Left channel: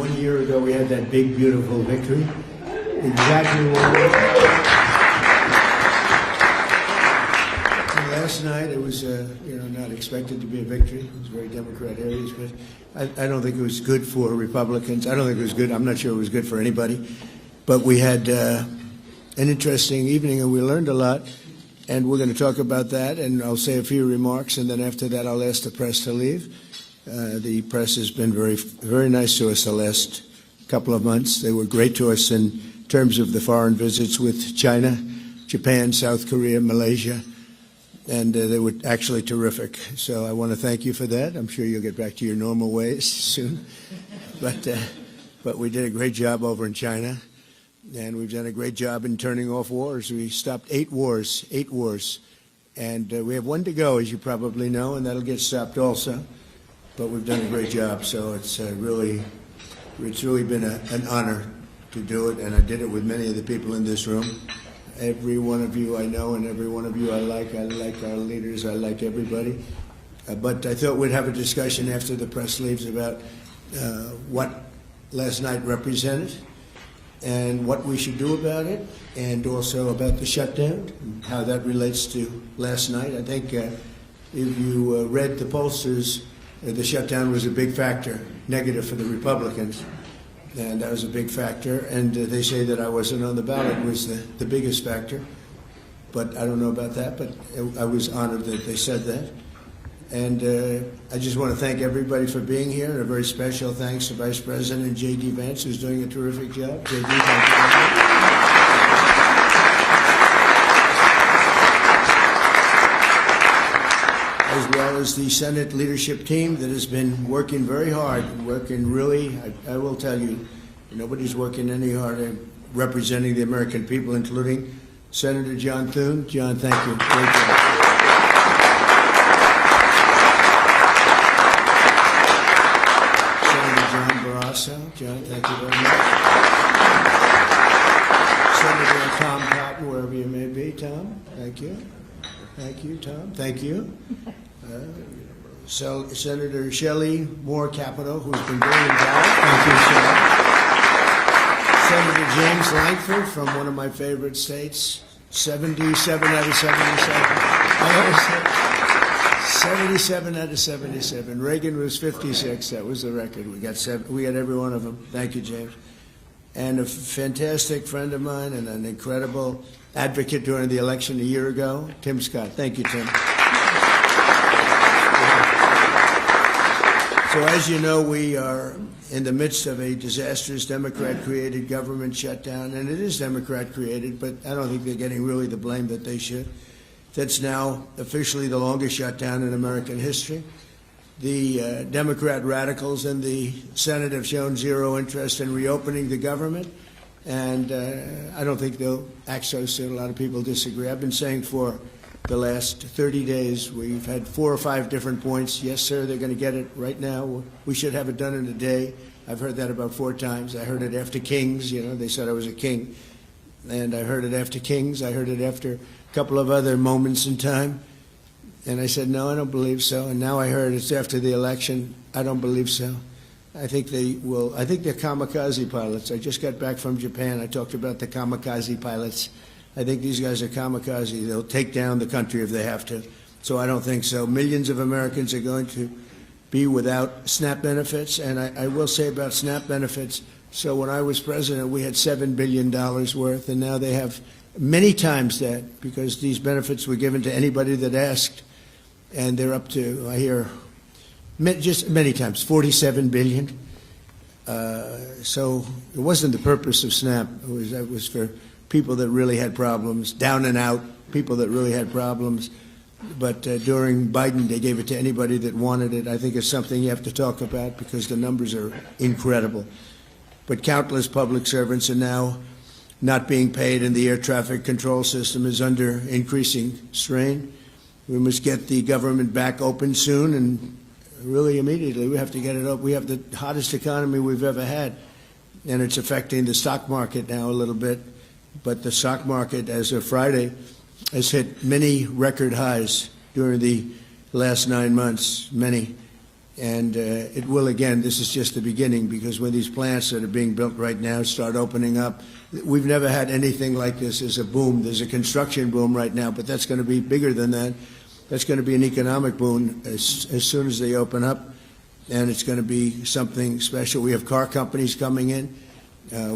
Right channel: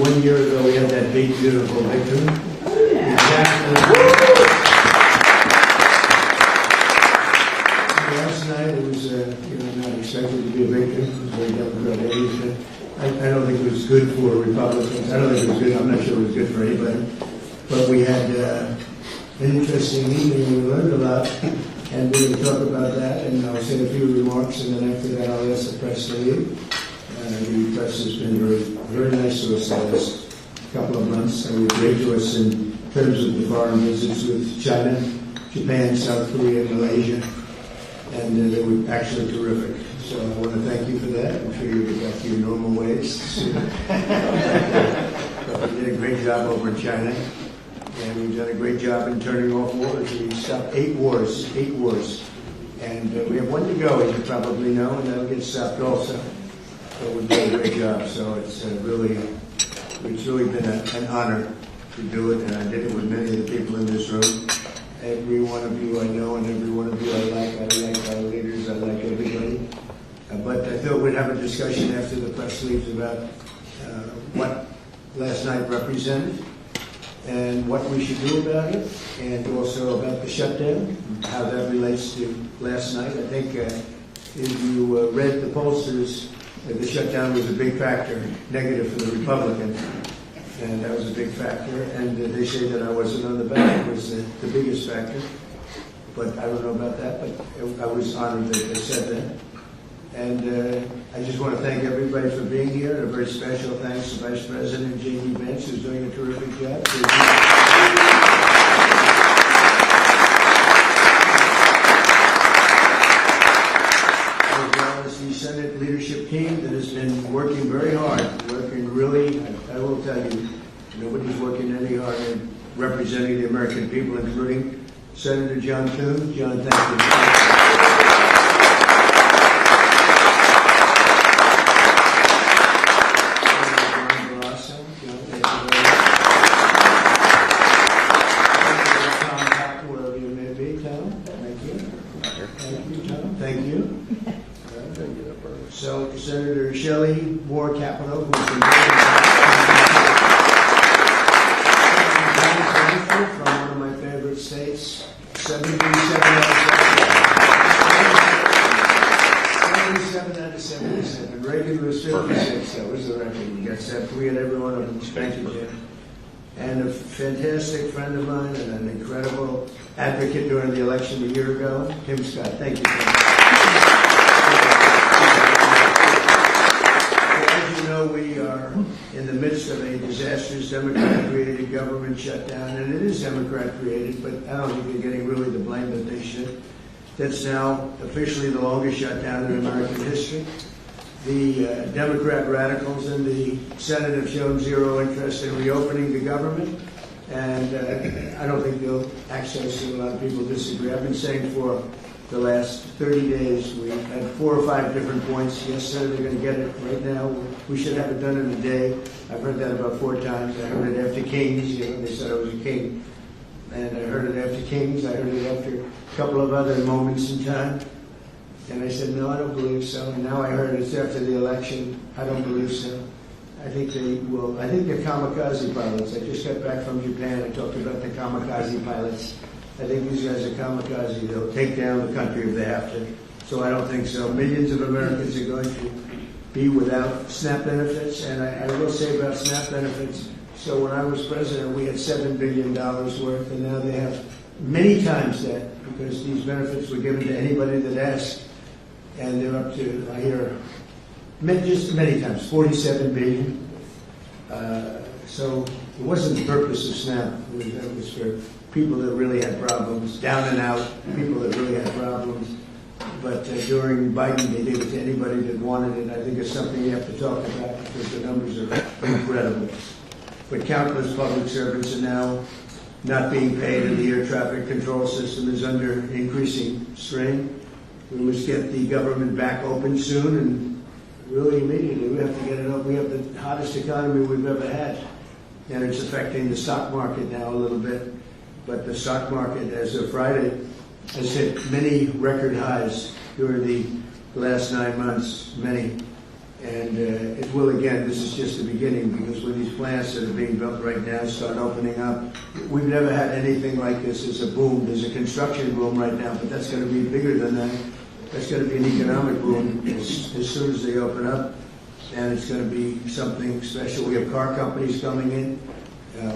1 year ago we had that big, beautiful victory. Exactly. Last night it was not expected to be a victory. It was very Democrat-heavy. I don't think it was good for Republicans. I don't think it was good. I'm not sure it was good for anybody. But we had an interesting evening and we learned a lot. And we're going to talk about that, and I'll say a few remarks, and then after that I'll ask the press to leave. The press has been very nice to us the last couple of months. They were great to us in terms of the foreign visits with China, Japan, South Korea, Malaysia, and they were actually terrific. So I want to thank you for that. I'm sure you'll get back to your normal ways soon. But we did a great job over in China. And we've done a great job in turning off wars. We stopped 8 wars. And we have 1 to go, as you probably know, and that'll get stopped also. But we've done a great job, so it's really been an honor to do it, and I did it with many of the people in this room. Every one of you I know, and every one of you I like our leaders, I like everybody. But I thought we'd have a discussion after the press leaves about what last night represented, and what we should do about it, and also about the shutdown, how that relates to last night. I think if you read the pollsters, the shutdown was a big factor, negative for the Republicans. And that was a big factor, and they say that I wasn't on the ballot was the biggest factor. But I don't know about that, but I was honored that they said that. And I just want to thank everybody for being here, and a very special thanks to Vice President J.D. Vance, who's doing a terrific job. As well as the Senate leadership team that has been working very hard, working really, I will tell you, nobody's working any harder representing the American people, including Senator John Thune. John, thank you. John, thank you very much. Senator Tom Cotton, wherever you may be, Tom, thank you. Thank you, Tom, thank you. So, Senator Shelley Moore Capito, who's been very involved. Senator James Langford from one of my favorite states, 77 out of 77. 77 out of 77. Reagan was 56. That was the record. We got every one of them. Thank you, Jim. And a fantastic friend of mine and an incredible advocate during the election a year ago, Tim Scott. Thank you, Tim. So as you know, we are in the midst of a disastrous Democrat-created government shutdown, and it is Democrat-created, but I don't think they're getting really the blame that they should. That's now officially the longest shutdown in American history. The Democrat radicals in the Senate have shown zero interest in reopening the government, and I don't think they'll access it. A lot of people disagree. I've been saying for the last 30 days, we've had 4 or 5 different points. Yes, sir, they're going to get it right now. We should have it done in a day. I've heard that about 4 times. I heard it after Kings, they said I was a king. And I heard it after Kings. I heard it after a couple of other moments in time. And I said, no, I don't believe so. And now I heard it's after the election. I don't believe so. I think they will. I think they're kamikaze pilots. I just got back from Japan. I talked about the kamikaze pilots. I think these guys are kamikaze. They'll take down the country if they have to. So I don't think so. Millions of Americans are going to be without SNAP benefits. And I will say about SNAP benefits, so when I was president, we had $7 billion worth, and now they have many times that, because these benefits were given to anybody that asked, and they're up to, I hear, just many times, $47 billion. So it wasn't the purpose of SNAP. It was for people that really had problems, down and out, people that really had problems. But during Biden, they gave it to anybody that wanted it. I think it's something you have to talk about because the numbers are incredible. But countless public servants are now not being paid, and the air traffic control system is under increasing strain. We must get the government back open soon, and really immediately. We have to get it open. We have the hottest economy we've ever had, and it's affecting the stock market now a little bit. But the stock market, as of Friday, has hit many record highs during the last 9 months, many. And it will, again, this is just the beginning, because with these plants that are being built right now start opening up, we've never had anything like this. There's a boom. There's a construction boom right now, but that's going to be bigger than that. That's going to be an economic boom as soon as they open up, and it's going to be something special. We have car companies coming in.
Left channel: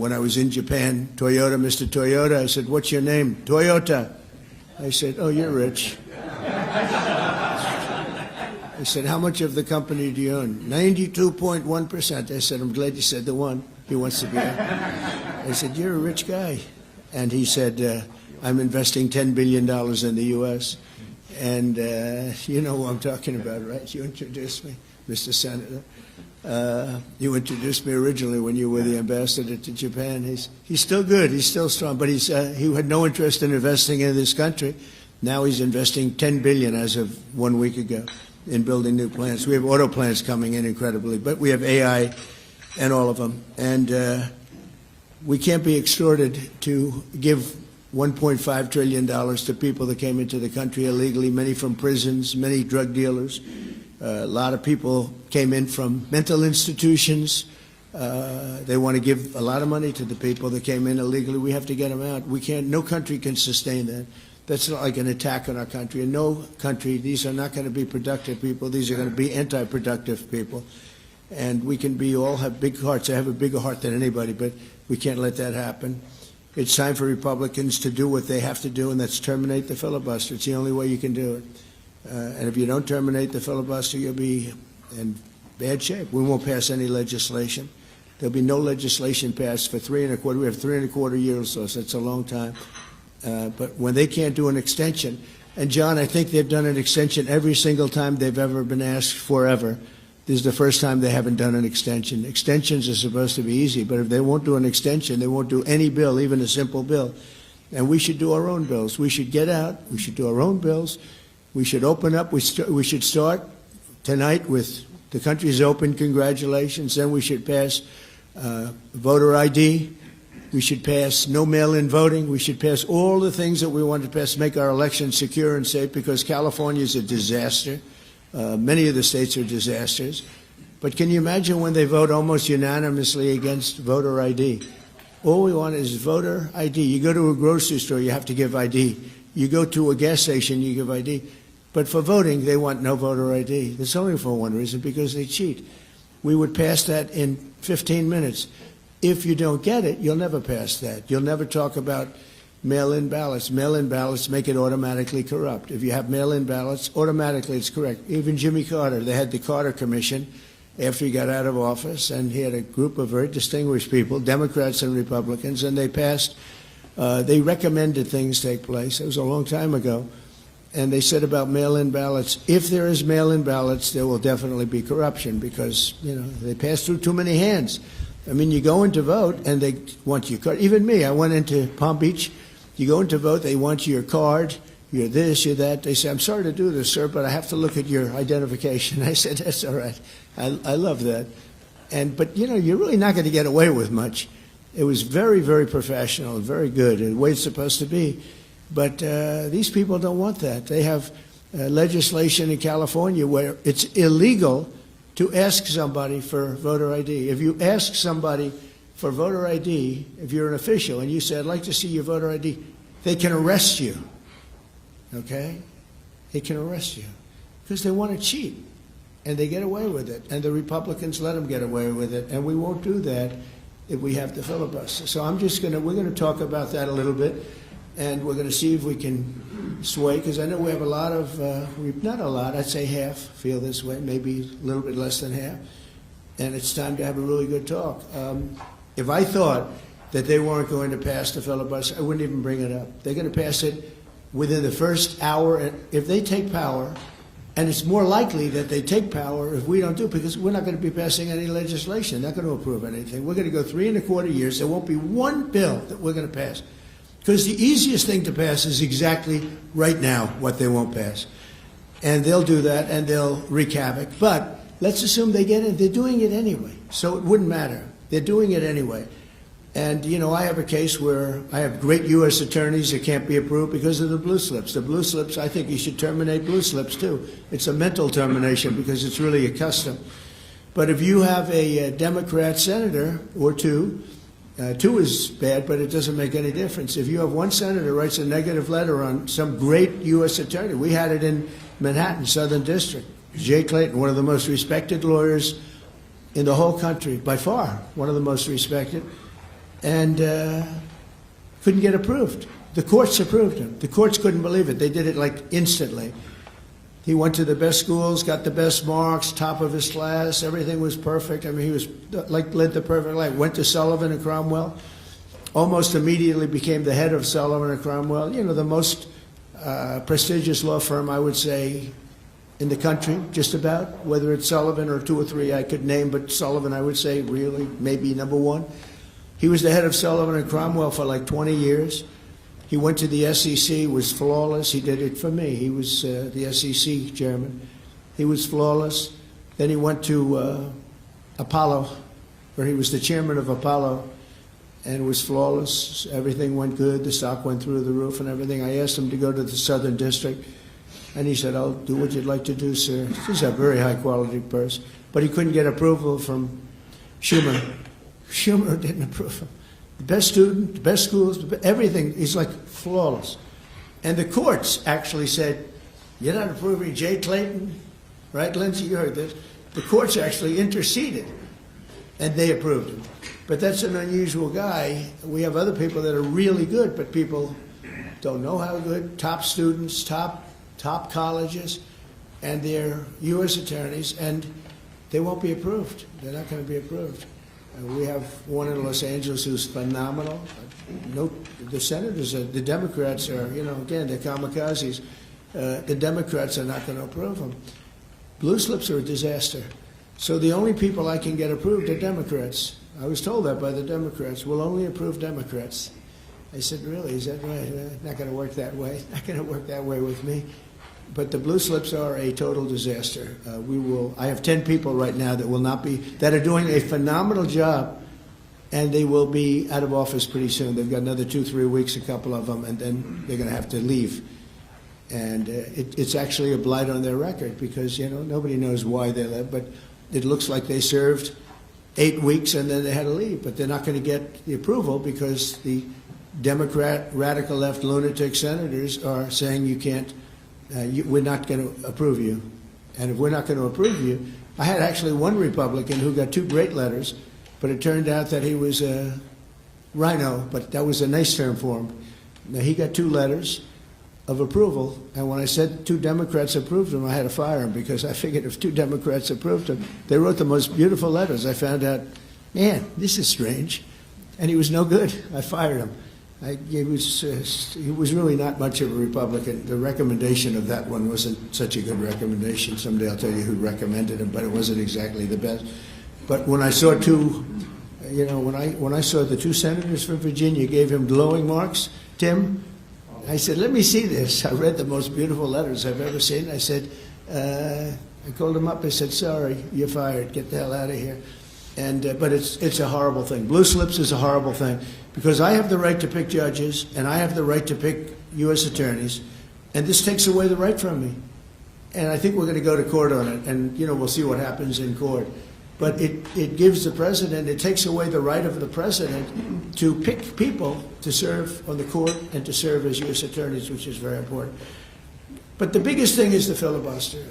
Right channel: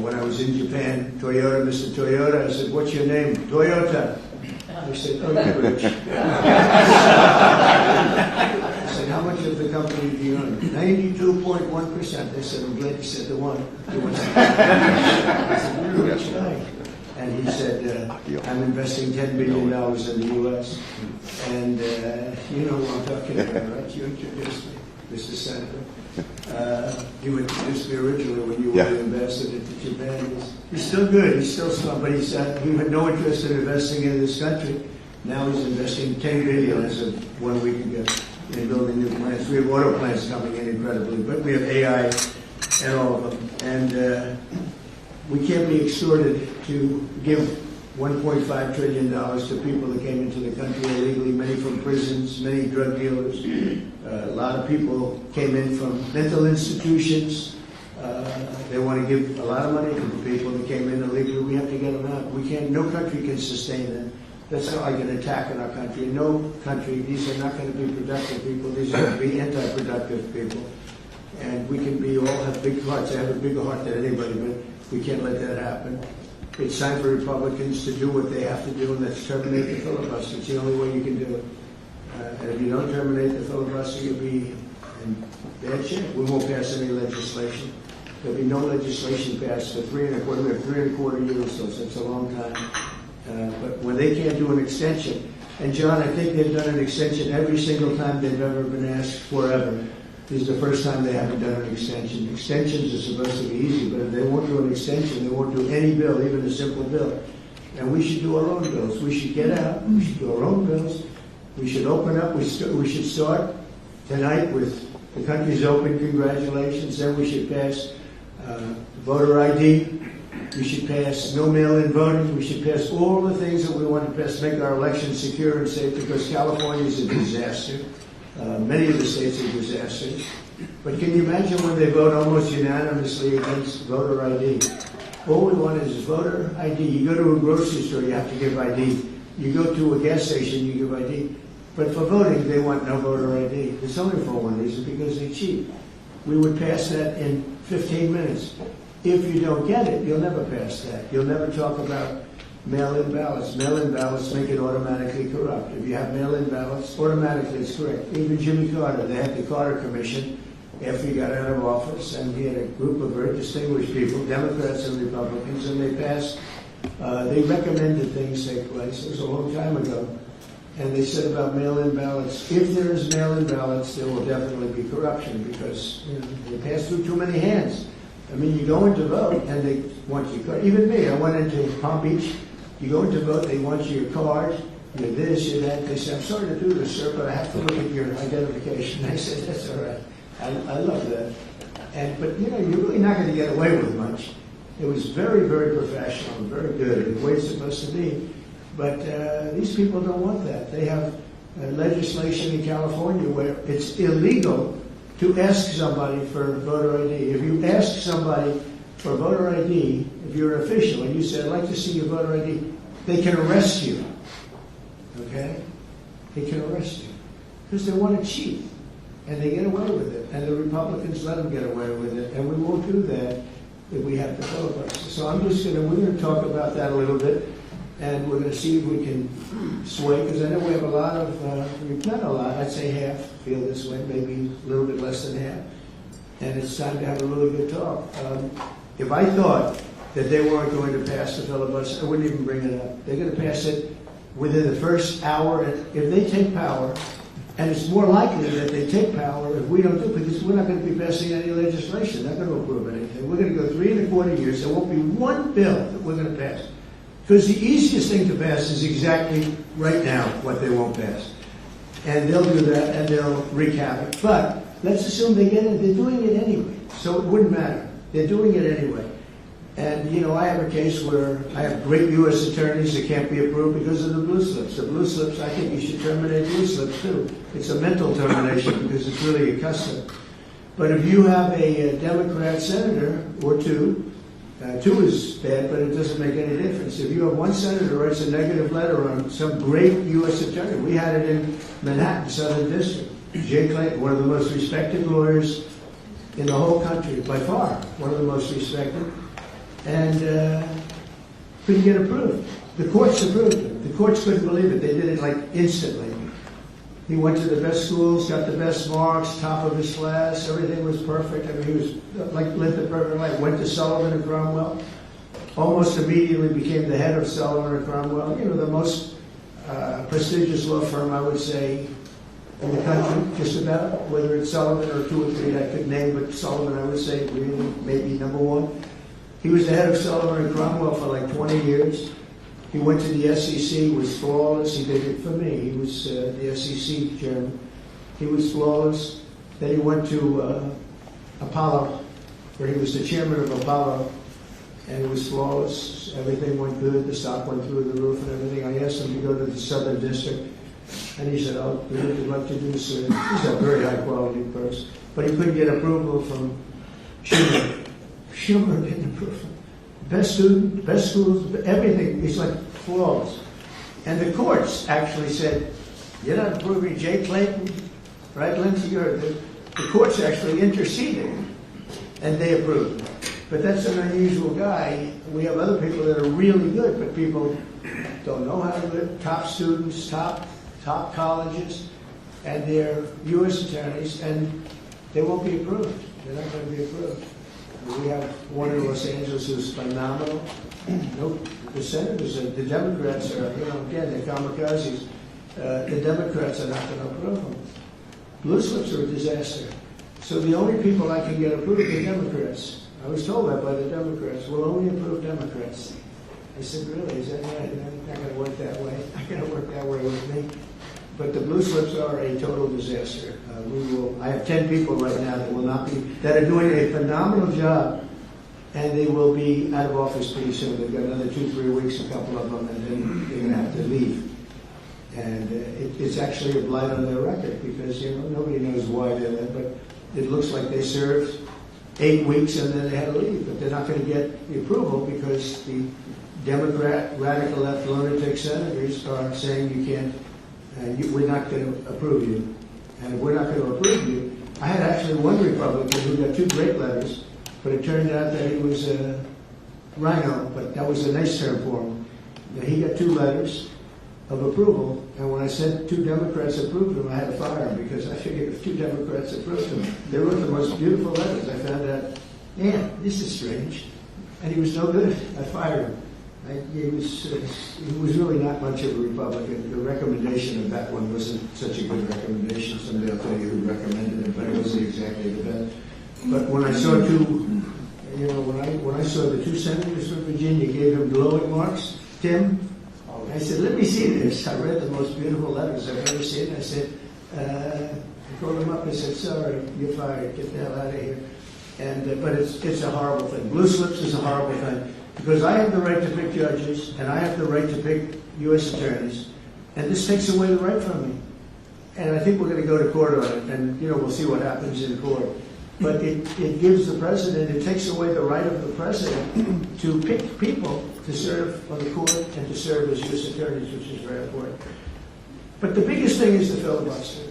When I was in Japan, Toyota, Mr. Toyota, I said, "What's your name?" "Toyota." I said, "Oh, you're rich." I said, "How much of the company do you own?" 92.1%. I said, "I'm glad you said the one who wants to be." I said, "You're a rich guy." And he said, "I'm investing $10 billion in the U.S. And you know what I'm talking about, right? You introduced me, Mr. Senator. You introduced me originally when you were the ambassador to Japan. He's still good. He's still strong. But he had no interest in investing in this country. Now he's investing $10 billion as of 1 week ago in building new plants. We have auto plants coming in incredibly, but we have AI and all of them. And we can't be extorted to give $1.5 trillion to people that came into the country illegally, many from prisons, many drug dealers. A lot of people came in from mental institutions. They want to give a lot of money to the people that came in illegally. We have to get them out. We can't, no country can sustain that. That's not like an attack on our country. In no country, these are not going to be productive people. These are going to be anti-productive people. And we can all have big hearts. I have a bigger heart than anybody, but we can't let that happen. It's time for Republicans to do what they have to do, and that's terminate the filibuster. It's the only way you can do it. And if you don't terminate the filibuster, you'll be in bad shape. We won't pass any legislation. There'll be no legislation passed for 3.25. We have 3.25 years, so it's a long time. But when they can't do an extension, and John, I think they've done an extension every single time they've ever been asked forever. This is the first time they haven't done an extension. Extensions are supposed to be easy, but if they won't do an extension, they won't do any bill, even a simple bill. And we should do our own bills. We should get out. We should do our own bills. We should open up. We should start tonight with the country's open. Congratulations. Then we should pass voter ID. We should pass no mail-in voting. We should pass all the things that we want to pass, make our elections secure and safe, because California is a disaster. Many of the states are disasters. But can you imagine when they vote almost unanimously against voter ID? All we want is voter ID. You go to a grocery store, you have to give ID. You go to a gas station, you give ID. But for voting, they want no voter ID. It's only for one reason, because they cheat. We would pass that in 15 minutes. If you don't get it, you'll never pass that. You'll never talk about mail-in ballots. Mail-in ballots make it automatically corrupt. If you have mail-in ballots, automatically it's correct. Even Jimmy Carter, they had the Carter Commission after he got out of office, and he had a group of very distinguished people, Democrats and Republicans, and they passed, they recommended things take place. It was a long time ago. And they said about mail-in ballots, if there is mail-in ballots, there will definitely be corruption, because they pass through too many hands. I mean, you go in to vote, and they want your card. Even me, I went into Palm Beach. You go in to vote, they want your card, you're this, you're that. They say, "I'm sorry to do this, sir, but I have to look at your identification." I said, "That's all right." I love that. But you're really not going to get away with much. It was very, very professional and very good, and the way it's supposed to be. But these people don't want that. They have legislation in California where it's illegal to ask somebody for voter ID. If you ask somebody for voter ID, if you're an official and you say, "I'd like to see your voter ID," they can arrest you. Okay? They can arrest you because they want to cheat, and they get away with it. And the Republicans let them get away with it, and we won't do that if we have the filibuster. So we're going to talk about that a little bit, and we're going to see if we can sway, because I know we have a lot of, not a lot, I'd say half feel this way, maybe a little bit less than half. And it's time to have a really good talk. If I thought that they weren't going to pass the filibuster, I wouldn't even bring it up. They're going to pass it within the first hour. And if they take power, and it's more likely that they take power if we don't do it, because we're not going to be passing any legislation. They're not going to approve anything. We're going to go 3.25 years. There won't be one bill that we're going to pass. Because the easiest thing to pass is exactly right now what they won't pass. And they'll do that, and they'll wreak havoc. But let's assume they get it. They're doing it anyway, so it wouldn't matter. They're doing it anyway. And, you know, I have a case where I have great U.S. attorneys that can't be approved because of the blue slips. The blue slips, I think you should terminate blue slips too. It's a mental termination because it's really a custom. But if you have a Democrat senator or two is bad, but it doesn't make any difference. If you have one senator writes a negative letter on some great U.S. attorney, we had it in Manhattan, Southern District. Jay Clayton, one of the most respected lawyers in the whole country, by far, one of the most respected, and couldn't get approved. The courts approved him. The courts couldn't believe it. They did it like instantly. He went to the best schools, got the best marks, top of his class, everything was perfect. I mean, he was like lived the perfect life. Went to Sullivan and Cromwell, almost immediately became the head of Sullivan and Cromwell. You know, the most prestigious law firm, I would say, in the country, just about. Whether it's Sullivan or two or three I could name, but Sullivan, I would say, really, maybe number one. He was the head of Sullivan and Cromwell for like 20 years. He went to the SEC, was flawless. He did it for me. He was the SEC chairman. He was flawless. Then he went to Apollo, where he was the chairman of Apollo, and was flawless. Everything went good. The stock went through the roof and everything. I asked him to go to the Southern District, and he said, "I'll do what you'd like to do, sir." He's a very high-quality person. But he couldn't get approval from Schumer. Schumer didn't approve him. Best student, best schools, everything. He's like flawless. And the courts actually said, "You're not approving Jay Clayton." Right, Lindsay? You heard this. The courts actually interceded, and they approved him. But that's an unusual guy. We have other people that are really good, but people don't know how to do it. Top students, top colleges, and they're U.S. attorneys, and they won't be approved. They're not going to be approved. We have one in Los Angeles who's phenomenal. Nope. The senators, the Democrats are, you know, again, they're kamikazes. The Democrats are not going to approve them. Blue slips are a disaster. So the only people I can get approved are Democrats. I was told that by the Democrats. We'll only approve Democrats. I said, really? Is that right? Not going to work that way. Not going to work that way with me. But the blue slips are a total disaster. I have 10 people right now that are doing a phenomenal job, and they will be out of office pretty soon. They've got another 2-3 weeks, a couple of them, and then they're going to have to leave. And it's actually a blight on their record because, you know, nobody knows why they're there. But it looks like they served 8 weeks and then they had to leave. But they're not going to get the approval because the Democrat, radical left lunatic senators are saying you can't. We're not going to approve you. And if we're not going to approve you, I had actually one Republican who got 2 great letters, but it turned out that he was a rhino, but that was a nice term for him. Now, he got 2 letters of approval, and when I said 2 Democrats approved him, I had to fire him because I figured if 2 Democrats approved him, they wrote the most beautiful letters. I found out, man, this is strange. And he was no good. I fired him. He was really not much of a Republican. The recommendation of that one wasn't such a good recommendation. Someday I'll tell you who recommended it, but it wasn't exactly the best. But when I saw when I saw the 2 senators from Virginia gave him glowing marks, Tim, I said, let me see this. I read the most beautiful letters I've ever seen. I said, I called him up. I said, sorry, you're fired. Get the hell out of here. And but it's a horrible thing. Blue slips is a horrible thing. Because I have the right to pick judges, and I have the right to pick U.S. attorneys, and this takes away the right from me. And I think we're going to go to court on it, and we'll see what happens in court. But it gives the president, it takes away the right of the president to pick people to serve on the court and to serve as U.S. attorneys, which is very important. But the biggest thing is the filibuster.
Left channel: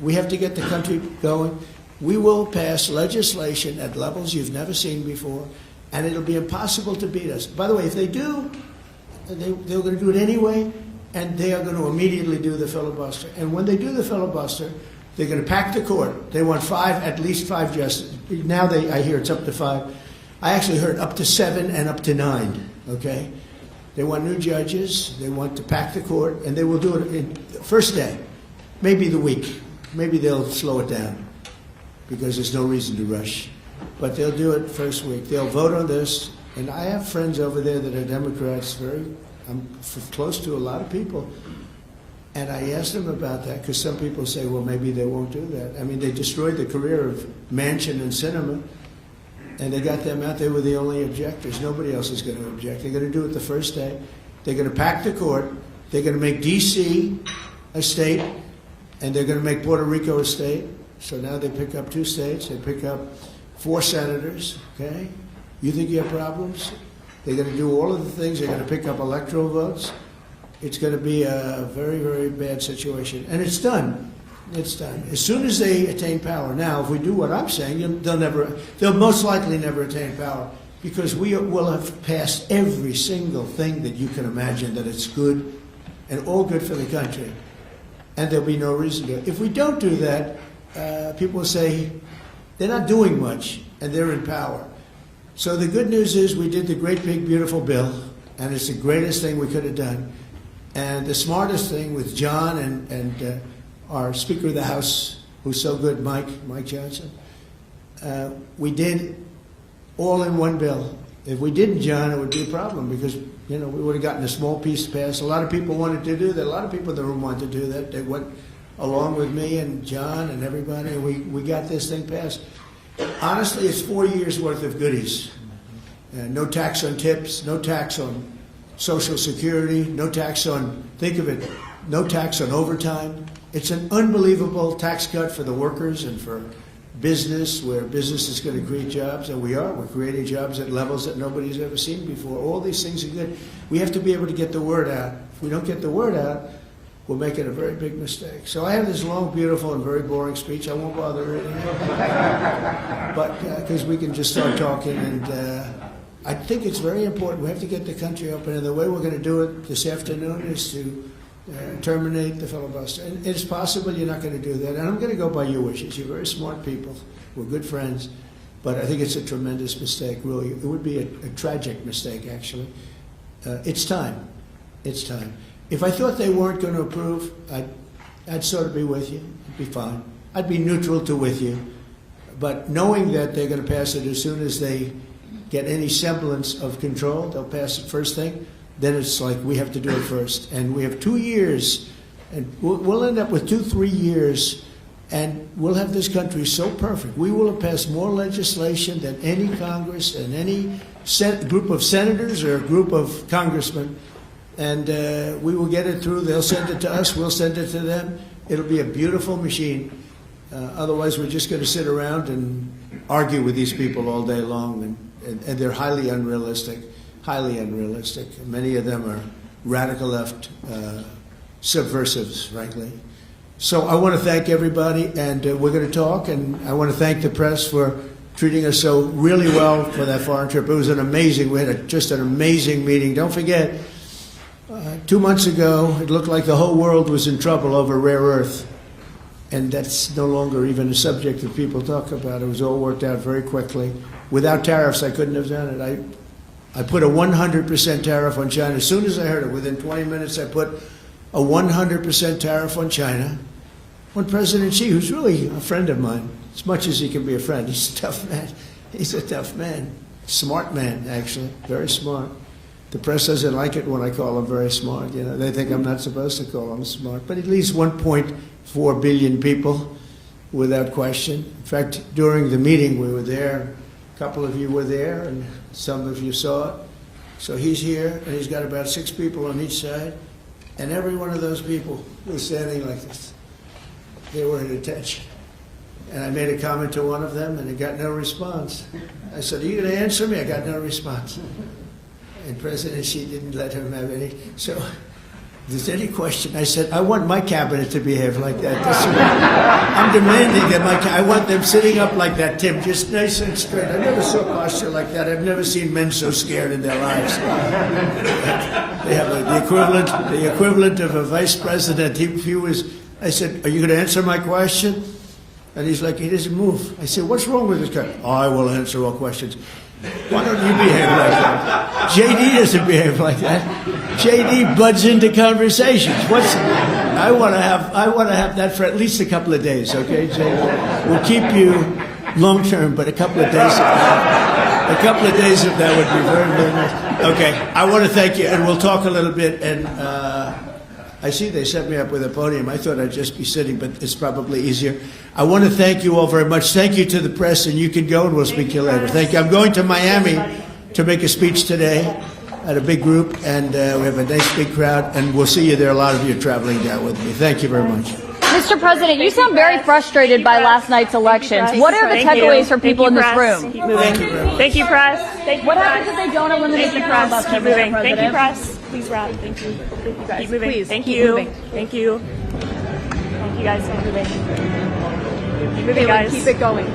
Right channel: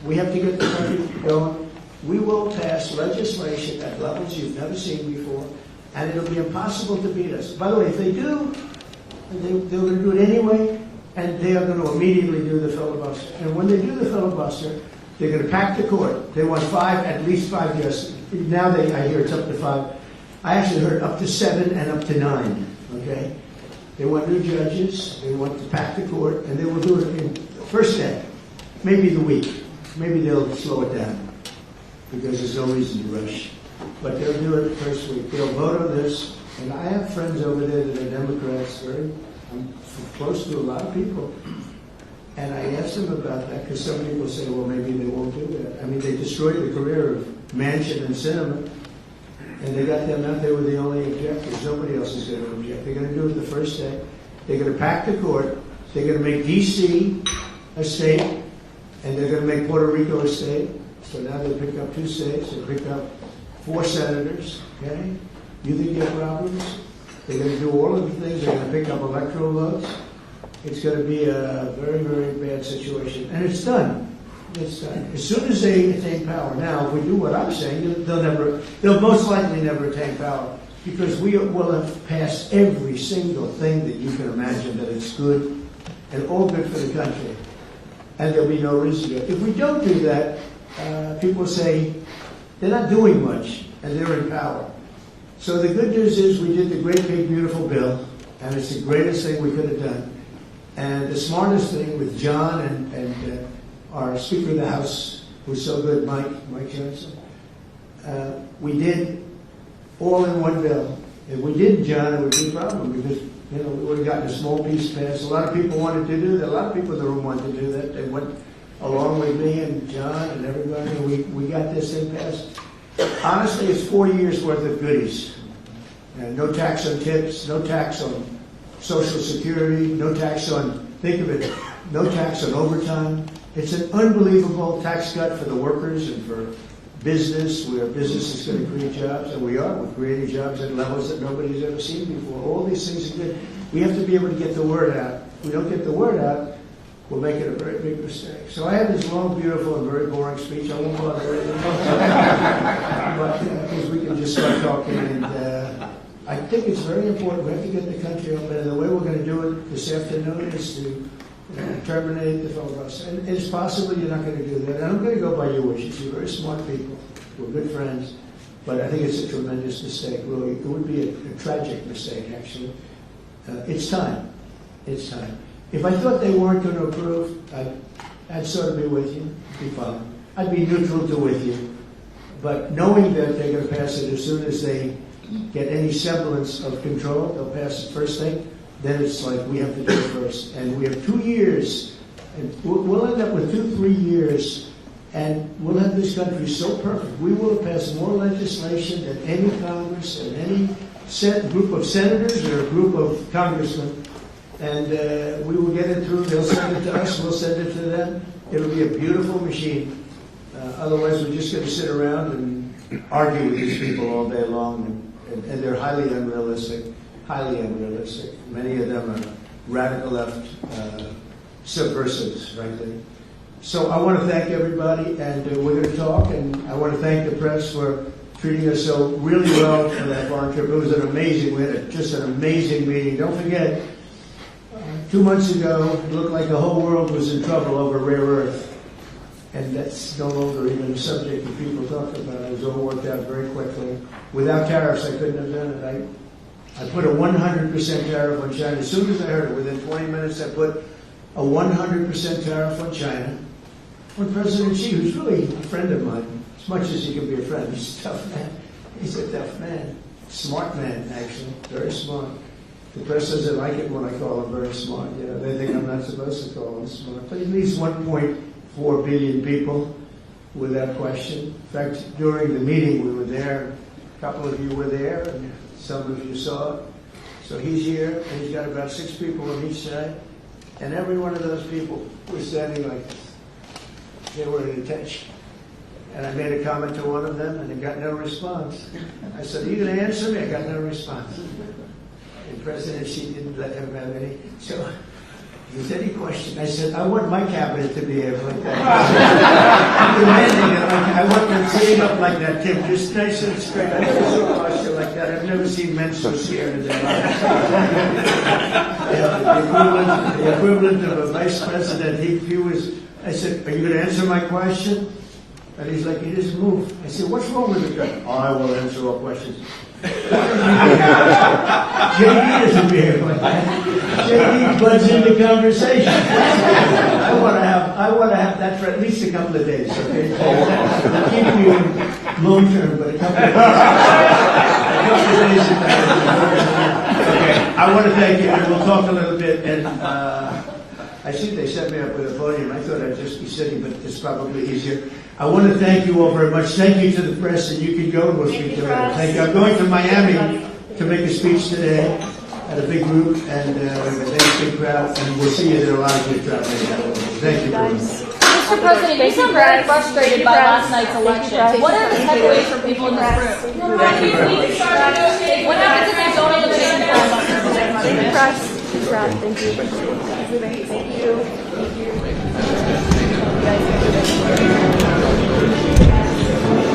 We have to get the country going. We will pass legislation at levels you've never seen before. And it'll be impossible to beat us. By the way, if they do, they're going to do it anyway, and they are going to immediately do the filibuster. And when they do the filibuster, they're going to pack the court. They want at least 5 justices. Now I hear it's up to 5. I actually heard up to 7 and up to 9, okay? They want new judges. They want to pack the court, and they will do it in the first day, maybe the week. Maybe they'll slow it down because there's no reason to rush. But they'll do it the first week. They'll vote on this. And I have friends over there that are Democrats. I'm close to a lot of people. And I asked them about that because some people say, well, maybe they won't do that. I mean, they destroyed the career of Manchin and Sinema. And they got them out. They were the only objectors. Nobody else is going to object. They're going to do it the first day. They're going to pack the court. They're going to make D.C. a state, and they're going to make Puerto Rico a state. So now they pick up 2 states. They pick up 4 senators. Okay? You think you have problems? They're going to do all of the things. They're going to pick up electoral votes. It's going to be a very, very bad situation. And it's done. It's done. As soon as they attain power. Now, if we do what I'm saying, they'll most likely never attain power, because we will have passed every single thing that you can imagine that it's good and all good for the country. And there'll be no reason to. If we don't do that, people say they're not doing much and they're in power. So the good news is we did the great, big, beautiful bill, and it's the greatest thing we could have done. And the smartest thing with John and our Speaker of the House, who's so good, Mike Johnson, we did all in one bill. If we didn't, John, it would be a problem, because we would have gotten a small piece passed. A lot of people wanted to do that. A lot of people in the room wanted to do that. They went along with me and John and everybody, and we got this thing passed. Honestly, it's 4 years worth of goodies. No tax on tips, no tax on Social Security, no tax on, think of it, no tax on overtime. It's an unbelievable tax cut for the workers and for business, where business is going to create jobs, and we're creating jobs at levels that nobody's ever seen before. All these things are good. We have to be able to get the word out. If we don't get the word out, we're making a very big mistake. So I have this long, beautiful, and very boring speech. I won't bother with it. But because we can just start talking, and I think it's very important. We have to get the country open, and the way we're going to do it this afternoon is to terminate the filibuster. And it's possible you're not going to do that. And I'm going to go by your wishes. You're very smart people. We're good friends. But I think it's a tremendous mistake, really. It would be a tragic mistake, actually. It's time. It's time. If I thought they weren't going to approve, I'd sort of be with you. It'd be fine. I'd be neutral to with you. But knowing that they're going to pass it as soon as they get any semblance of control, they'll pass it first thing. Then it's like we have to do it first. And we have 2 years, and we'll end up with 2-3 years, and we'll have this country so perfect. We will have passed more legislation than any Congress and any group of senators or a group of congressmen. And we will get it through. They'll send it to us. We'll send it to them. It'll be a beautiful machine. Otherwise, we're just going to sit around and argue with these people all day long. And they're highly unrealistic. Highly unrealistic. Many of them are radical left subversives, frankly. So I want to thank everybody, and we're going to talk, and I want to thank the press for treating us so really well for that foreign trip. It was we had just an amazing meeting. Don't forget, 2 months ago, it looked like the whole world was in trouble over rare earth, and that's no longer even a subject that people talk about. It was all worked out very quickly. Without tariffs, I couldn't have done it. I put a 100% tariff on China. As soon as I heard it, within 20 minutes, I put a 100% tariff on China. When President Xi, who's really a friend of mine, as much as he can be a friend, he's a tough man. He's a tough man. Smart man, actually. Very smart. The press doesn't like it when I call him very smart. They think I'm not supposed to call him smart. But at least 1.4 billion people, without question. In fact, during the meeting, we were there. A couple of you were there, and some of you saw it. So he's here, and he's got about 6 people on each side, and every one of those people was standing like this. They were at attention. And I made a comment to one of them, and he got no response. I said, "Are you going to answer me?" I got no response. And President Xi didn't let him have any. So if there's any question, I said, I want my cabinet to behave like that. I'm demanding that I want them sitting up like that, Tim, just nice and straight. I've never seen posture like that. I've never seen men so scared in their lives. They have the equivalent of a vice president. I said, "Are you going to answer my question?" And he's like, he doesn't move. I said, "What's wrong with this guy?" "I will answer all questions." Why don't you behave like that? JD doesn't behave like that. JD butts into conversations. I want to have that for at least a couple of days, okay, JD? We'll keep you long term, but a couple of days of that would be very, very nice. Okay, I want to thank you, and we'll talk a little bit, and I see they set me up with a podium. I thought I'd just be sitting, but it's probably easier. I want to thank you all very much. Thank you to the press, and you can go, and we'll speak to you later. Thank you. I'm going to Miami to make a speech today at a big group, and we have a nice big crowd, and we'll see you there. A lot of you are traveling down with me. Thank you very much. Mr. President, you sound very frustrated by last night's elections. What are the takeaways for people in this room? Thank you, press. What happens if they don't eliminate Thank you, press. Keep moving. Thank you, press. Please, Rod. Thank you. Keep moving. Thank you. Thank you. You guys keep moving. Moving, guys. Keep it going.